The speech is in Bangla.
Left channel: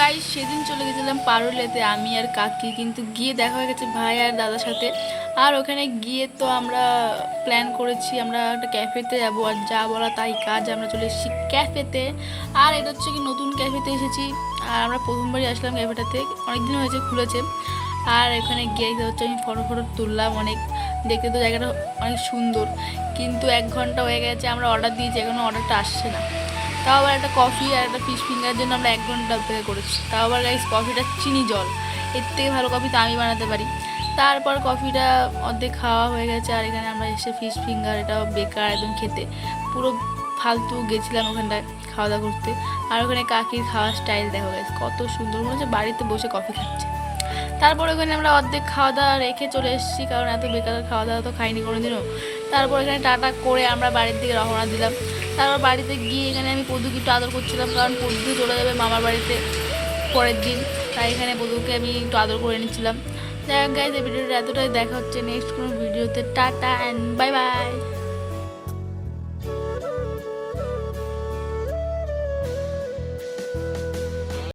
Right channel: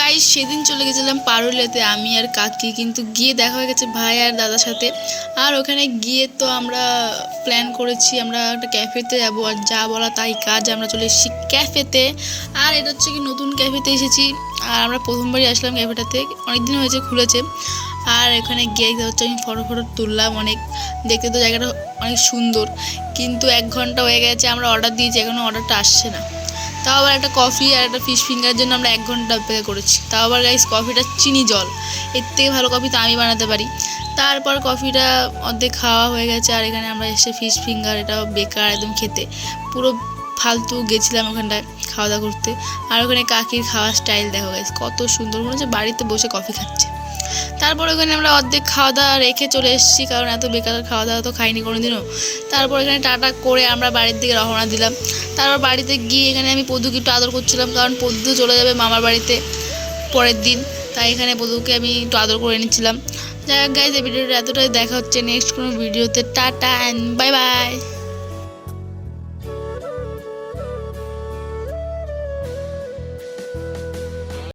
গাইস সেদিন চলে গেছিলাম পারুলেতে আমি আর কাকি, কিন্তু গিয়ে দেখা হয়ে গেছে ভাই আর দাদার সাথে। আর ওখানে গিয়ে তো আমরা প্ল্যান করেছি আমরা একটা ক্যাফেতে যাবো, আর যা বলা তাই কাজ, আমরা চলে এসেছি ক্যাফেতে। আর এটা হচ্ছে কি নতুন ক্যাফেতে এসেছি, আর আমরা প্রথমবারই আসলাম ক্যাফেটাতে, অনেকদিন হয়েছে খুলেছে। আর এখানে গিয়ে হচ্ছে আমি ফটো তুললাম অনেক, দেখতে তো জায়গাটা অনেক সুন্দর। কিন্তু 1 ঘন্টা হয়ে গেছে আমরা অর্ডার দিয়েছি, এখনও অর্ডারটা আসছে না। তাও আবার একটা কফি আর একটা ফিশ ফিঙ্গারের জন্য আমরা 1 ঘন্টা অপেক্ষা করেছি। তাও আবার গাইস কফিটা চিনি জল, এর থেকে ভালো কফি তো আমি বানাতে পারি। তারপর কফিটা অর্ধেক খাওয়া হয়ে গেছে, আর এখানে আমরা এসে ফিশ ফিঙ্গার, এটা বেকার একদম খেতে, পুরো ফালতু গেছিলাম ওখানটায় খাওয়া দাওয়া করতে। আর ওখানে কাকির খাওয়ার স্টাইল দেখা গেছে কত সুন্দর, মনে হচ্ছে বাড়িতে বসে কফি খাচ্ছে। তারপর ওখানে আমরা অর্ধেক খাওয়া দাওয়া রেখে চলে এসেছি, কারণ এত বেকার খাওয়া দাওয়া তো খাইনি কোনোদিনও। তারপর এখানে টাটা করে আমরা বাড়ির দিকে রওনা দিলাম। তারপর বাড়িতে গিয়ে এখানে আমি পদুকে একটু আদর করছিলাম, কারণ পদু চলে যাবে মামার বাড়িতে পরের দিন, তাই এখানে পদুকে আমি একটু আদর করে নিচ্ছিলাম। যাই হোক গাইজ, এই ভিডিওটা এতটাই, দেখা হচ্ছে নেক্সট কোনো ভিডিওতে। Tata and bye bye.